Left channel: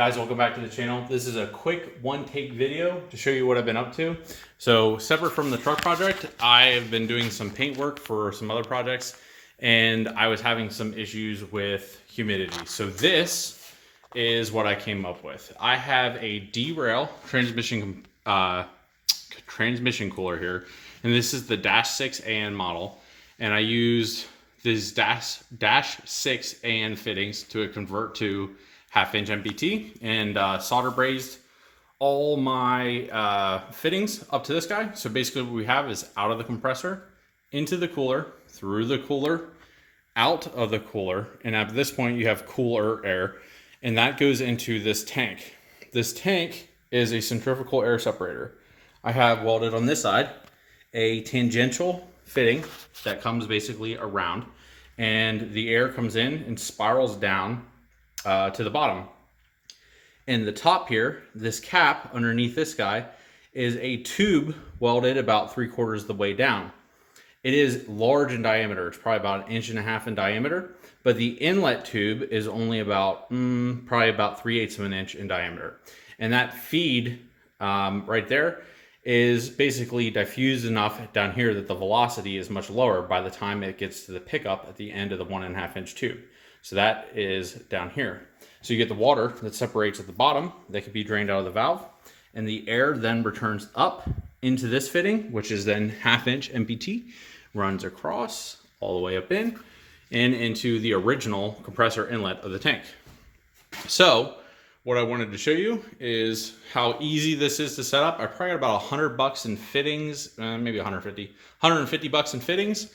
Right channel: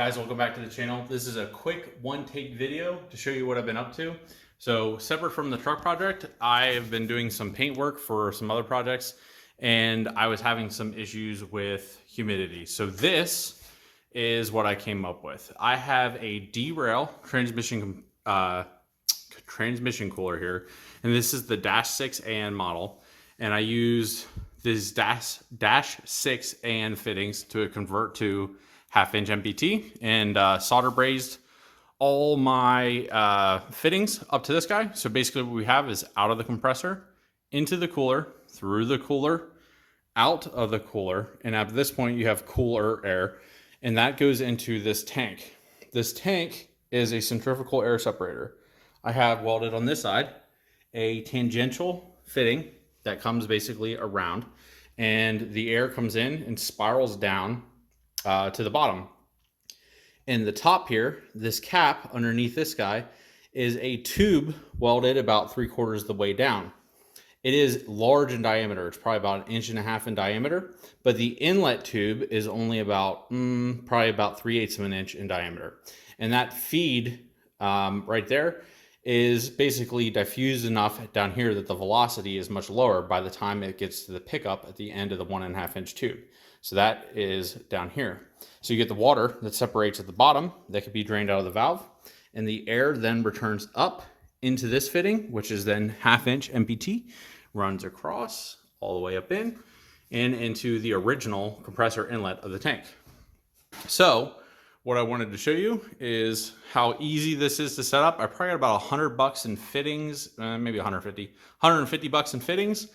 Guys, welcome back to the channel. This is a quick one-take video to show you what I've been up to. So separate from the truck project, I've been doing some paint work for some other projects, and I was having some issues with humidity. So this is what I came up with. I have a derail transmission cooler here, and this is the -6 AN model, and I used these -6 AN fittings to convert to 1/2 inch MPT and solder brazed all my fittings up to this guy. So basically what we have is out of the compressor, into the cooler, through the cooler, out of the cooler, and at this point you have cooler air, and that goes into this tank. This tank is a centrifugal air separator. I have welded on this side a tangential fitting that comes basically around, and the air comes in and spirals down to the bottom. And the top here, this cap underneath this guy, is a tube welded about 3/4 of the way down. It is large in diameter. It's probably about 1.5 inches in diameter, but the inlet tube is only about probably about 3/8 of an inch in diameter. And that feed right there is basically diffused enough down here that the velocity is much lower by the time it gets to the pickup at the end of the 1.5 inch tube. So that is down here. So you get the water that separates at the bottom that can be drained out of the valve, and the air then returns up into this fitting, which is then 1/2 inch MPT, runs across all the way up in and into the original compressor inlet of the tank. So what I wanted to show you is how easy this is to set up. I probably got about $100 in fittings, maybe 150 bucks in fittings.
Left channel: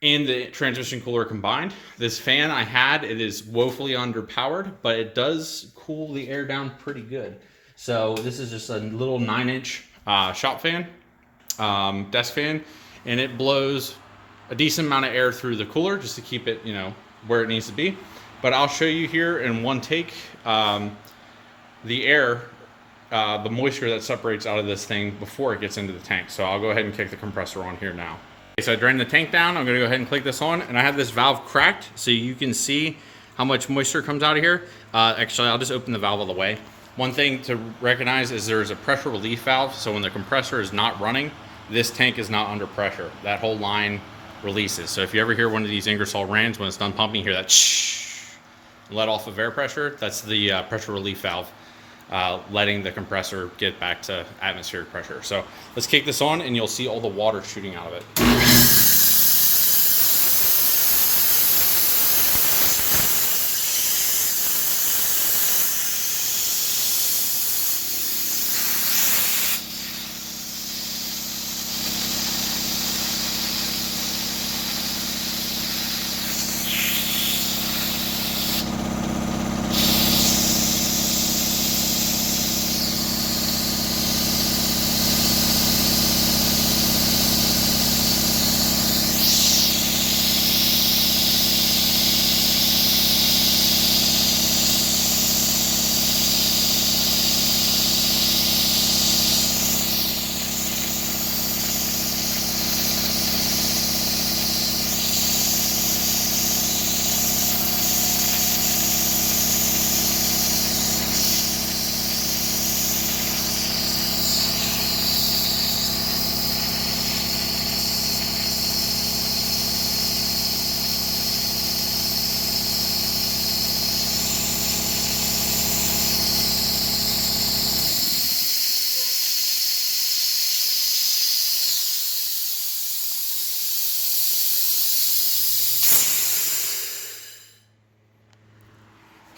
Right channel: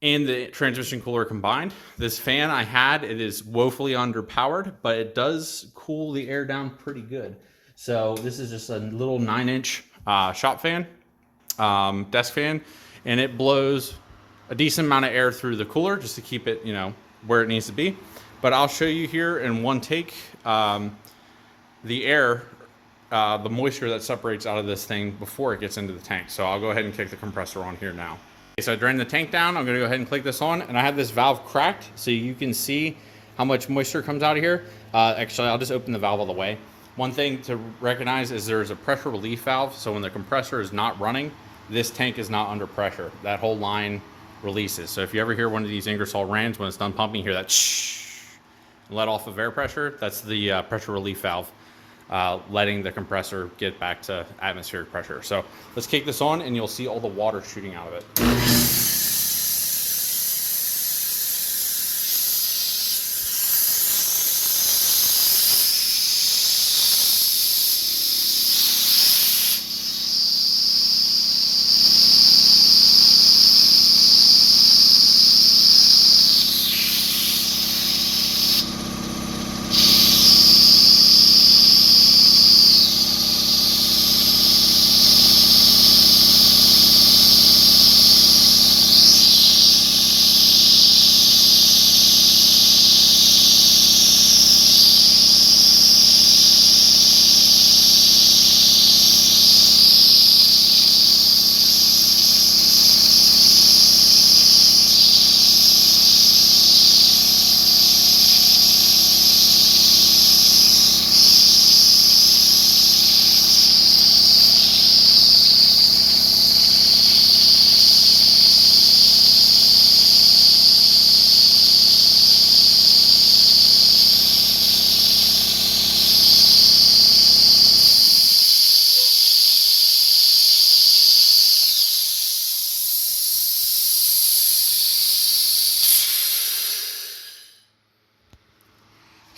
And the transmission cooler combined. This fan I had, it is woefully underpowered, but it does cool the air down pretty good. So this is just a little 9-inch shop fan, desk fan, and it blows a decent amount of air through the cooler just to keep it, where it needs to be. But I'll show you here in one take the air, the moisture that separates out of this thing before it gets into the tank. So I'll go ahead and kick the compressor on here now. So I drained the tank down. I'm gonna go ahead and click this on, and I have this valve cracked so you can see how much moisture comes out of here. Actually, I'll just open the valve all the way. One thing to recognize is there's a pressure relief valve, so when the compressor is not running, this tank is not under pressure. That whole line releases. So if you ever hear one of these Ingersoll Rands, when it's done pumping, you hear that shh, let off of air pressure. That's the pressure relief valve. Letting the compressor get back to atmospheric pressure. So let's kick this on and you'll see all the water shooting out of it.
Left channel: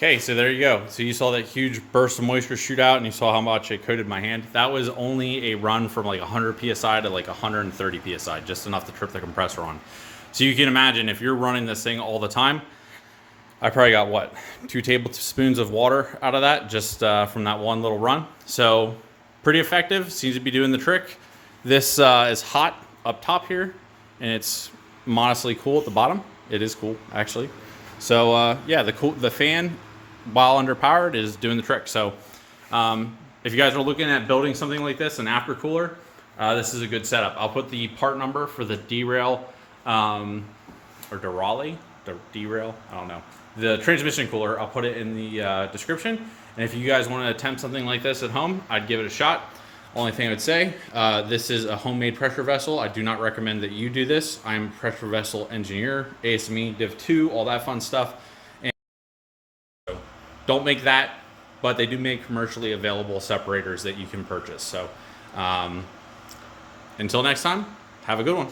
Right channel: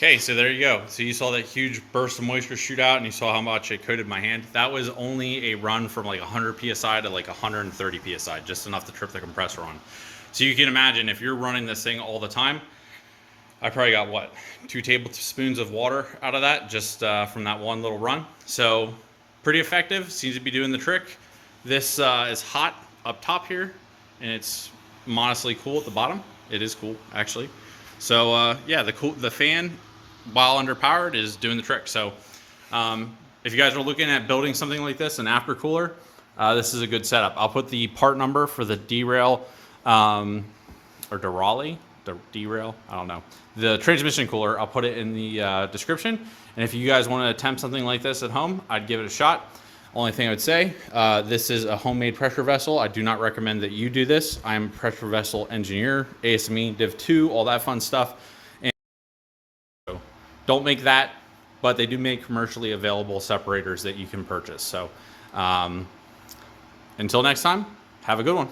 Okay, so there you go. So you saw that huge burst of moisture shoot out, and you saw how much it coated my hand. That was only a run from like 100 PSI to like 130 PSI, just enough to trip the compressor on. So you can imagine if you're running this thing all the time, I probably got, what, 2 tablespoons of water out of that just from that one little run. So pretty effective, seems to be doing the trick. This is hot up top here, and it's modestly cool at the bottom. It is cool, actually. So yeah, the fan, while underpowered, is doing the trick. So if you guys are looking at building something like this, an aftercooler, this is a good setup. I'll put the part number for the derail or derail, I don't know, the transmission cooler, I'll put it in the description. And if you guys want to attempt something like this at home, I'd give it a shot. Only thing I would say, this is a homemade pressure vessel. I do not recommend that you do this. I'm a pressure vessel engineer, ASME, Div 2, all that fun stuff. And so don't make that, but they do make commercially available separators that you can purchase. So until next time, have a good one.